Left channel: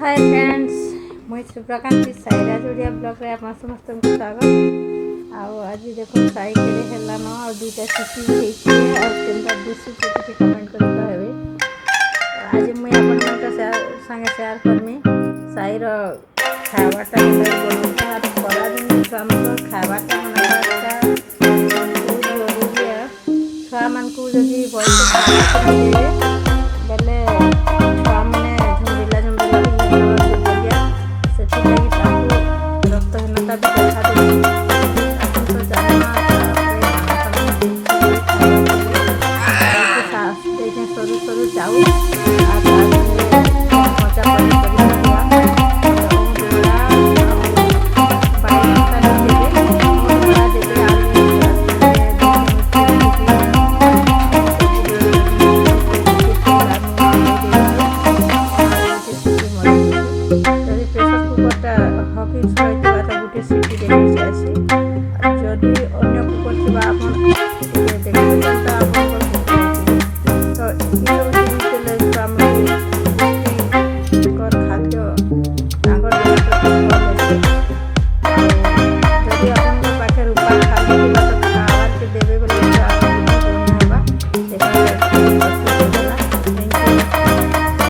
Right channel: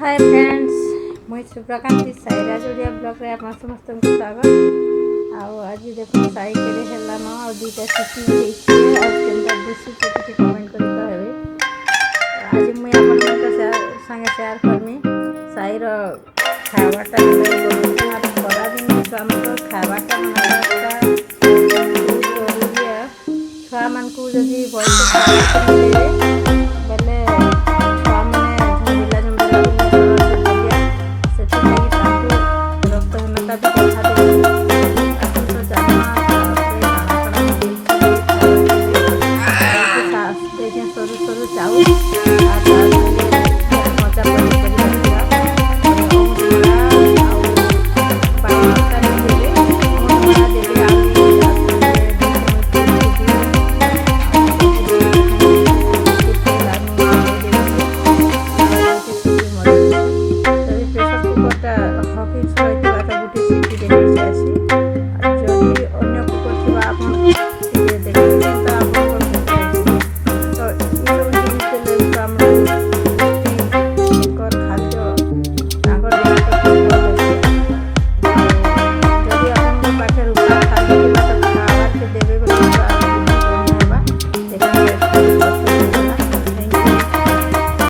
Hi friends मुझे शुभकांति Sairaj Odia blog रे आप समस्त को स्वागत। आज देखो साई के हेला न आ दुटा सीटी होईची आ केनता दिसु के कमेंट करी कहबे। आज मुई अपन मन का संगे शेयर करमी साई रो खावाटा बनाई आ खरा दिन हमरो खावाटा बनावाटा बहुत जरूरी है। छुआ मन को जदी बॉयस खावा देबे बेले छुआ माने झुंबिला झुंबिला रक्तहीनता भी देखा देती अपन तो जाना देखें सरू सरू चाउल मजा पनीपरिया देवे देवे आलू प्रेसर कुकरटा हकिंस गुटे सीटी देखे आसी जदि अन्य कुकर थी